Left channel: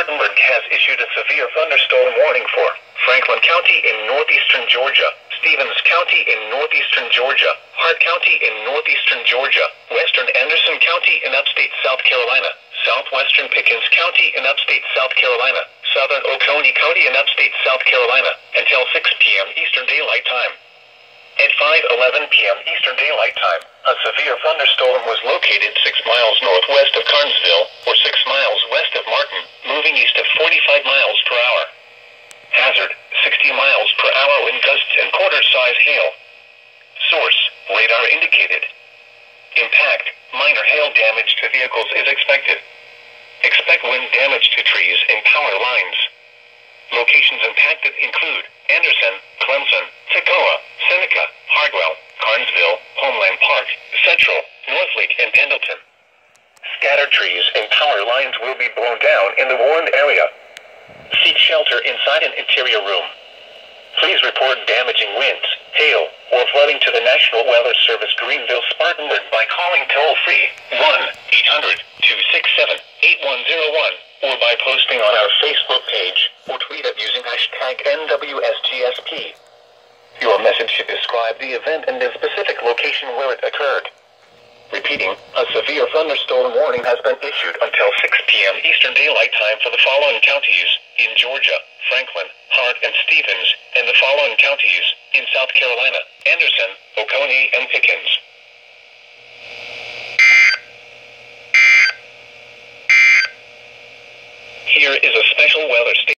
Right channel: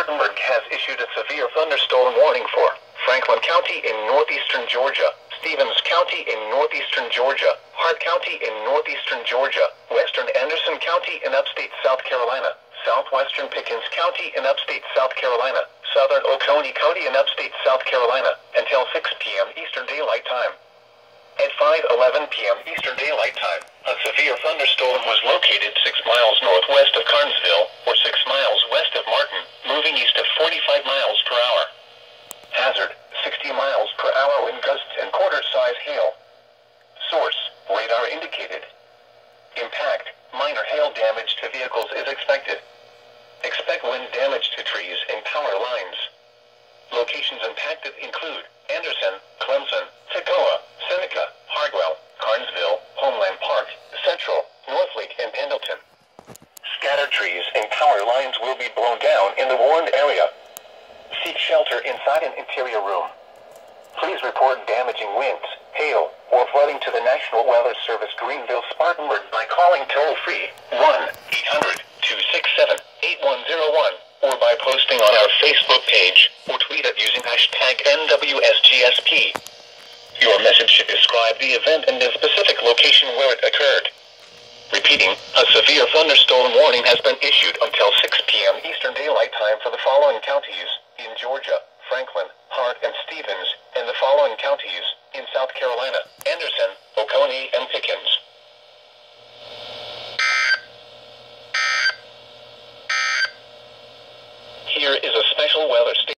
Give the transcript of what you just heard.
Spartanburg has issued a severe thunderstorm warning for Franklin County in northeastern Georgia, Stevens County in northeastern Georgia, Hart County in northeastern Georgia, western Anderson County in upstate South Carolina, southwestern Pickens County in upstate South Carolina, southern Oconee County in upstate South Carolina, until 6 p.m. Eastern Daylight Time. At 5:11 p.m. Eastern Daylight Time, a severe thunderstorm was located 6 miles northwest of Carnesville, or 6 miles west of Martin, moving east at 45 miles per hour. Hazard, 60 miles per hour wind gusts and quarter-size hail. Source, radar indicated. Impact, minor hail damage to vehicles is expected. Expect wind damage to trees and power lines. Locations impacted include Anderson, Clemson, Toccoa, Seneca, Hardwell, Carnesville, Homeland Park, Central, Northlake, and Pendleton. Scattered trees and power lines will be blown down in the warned area. Seek shelter inside an interior room. Please report damaging winds, hail, or flooding to the National Weather Service Greenville Spartanburg by calling toll-free 1-800-267-8101 or by posting on our Facebook page or tweet it using hashtag NWSGSP. Your message should describe the event and the specific location where it occurred. Repeating, a severe thunderstorm warning has been issued until 6 p.m. Eastern Daylight Time for the following counties in Georgia, Franklin, Hart, and Stevens, and the following counties in South Carolina, Anderson, Oconee, and Pickens. Here is a special weather statement.